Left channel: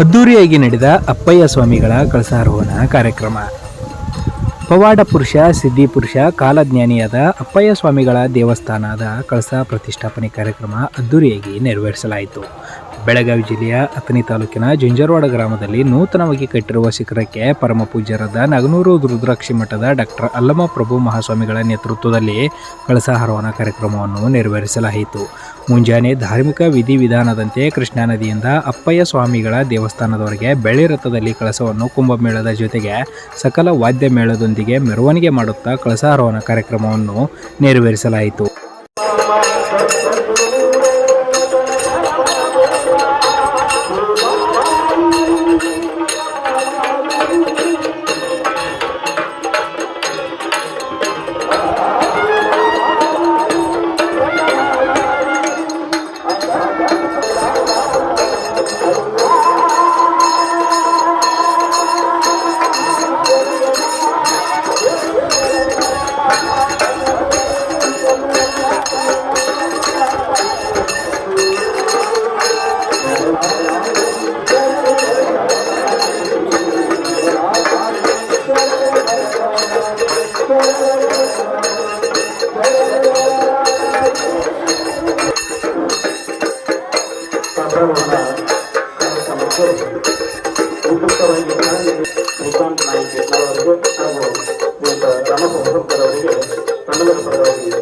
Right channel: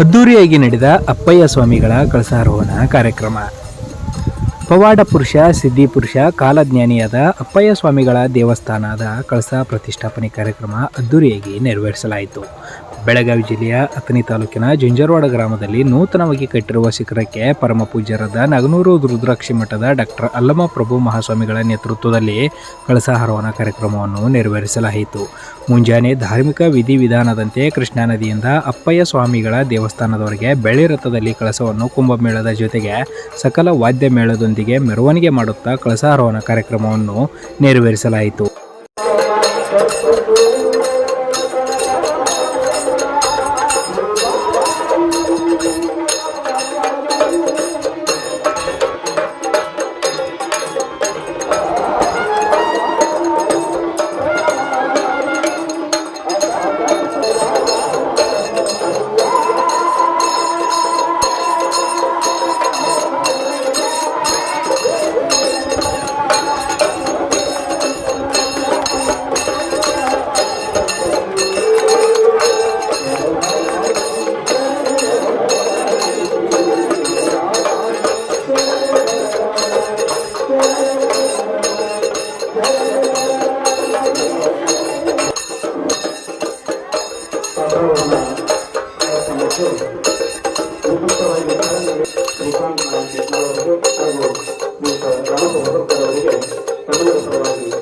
ಅದ್ದೂರಿಯಾಗಿ ನಡೆದ ಅಪ್ಪಯ್ಯ ಸ್ವಾಮಿಗಳ ಕಳಸಾರೋಹಣ ಕಾರ್ಯಕ್ರಮ. ಪವಾಡ ಪುರುಷ, ಸಿದ್ಧಿಪುರುಷ, ಕಾಲಜ್ಞಾನಿಯಾದ ಅಪ್ಪಯ್ಯ ಸ್ವಾಮಿಗಳ ದೇವಸ್ಥಾನದ ಕಳಸ ಪ್ರತಿಷ್ಠಾಪನೆ ಕಾರ್ಯಕ್ರಮ ಅದ್ದೂರಿಯಾಗಿ ನೆರವೇರಿಸಲಾಯಿತು. ಬೆಳಗಾವಿ ಜಿಲ್ಲೆಯ ಅಥಣಿ ತಾಲೂಕಿನ ಜುಂಜರವಾಡ ಗ್ರಾಮದಲ್ಲಿ ನೂತನವಾಗಿ ಕಟ್ಟಿರುವ ಶಿಖರಕ್ಕೆ ಪರಮ ಪೂಜ್ಯರಾದ ನಾಗನೂರು ರುದ್ರಾಕ್ಷಿ ಮಠದ ಡಾಕ್ಟರ್ ಅಲ್ಲಮ ಪ್ರಭು ಮಹಾಸ್ವಾಮಿಗಳ ನೇತೃತ್ವದಲ್ಲಿ ಕಳಸಾರೋಹಣ ಕಾರ್ಯಕ್ರಮವನ್ನು ನೆರವೇರಿಸಲಾಯಿತು. ಮುಂಜಾನೆ ಧಾರ್ಮಿಕ ವಿಧಿವಿಧಾನದಂತೆ ಕೃಷ್ಣಾ ನದಿಯಿಂದ ಅಪ್ಪಯ್ಯ ಸ್ವಾಮಿಗಳ ದೇವಸ್ಥಾನದವರೆಗೆ ಬೆಳ್ಳಿ ರಥದಲ್ಲಿ ಕಳಸವನ್ನು ಕುಂಭಮೇಳದ ಜೊತೆಗೆ ಸಕಲ ವಾದ್ಯ ಮೇಳದೊಂದಿಗೆ ಮೆರವಣಿಗೆ ಮಾಡುತ್ತಾ ಕಳಸಾರೋಹಣ ಕಾರ್ಯಕ್ರಮವನ್ನು ನೆರವೇರಿಸಲಾಯಿತು. ಕಾರ್ಯಕ್ರಮಕ್ಕೆ ಉಪಯುಕ್ತವಾಗಿ ಶ್ರೀಕಾಂತ್ ನಾಯ್ಕ ಅವರಿಗೆ ಹಾಗೂ ರಾಮಪ್ರಭು ಅವರಿಗೆ ತಮ್ಮೆಲ್ಲರ ಪರವಾಗಿ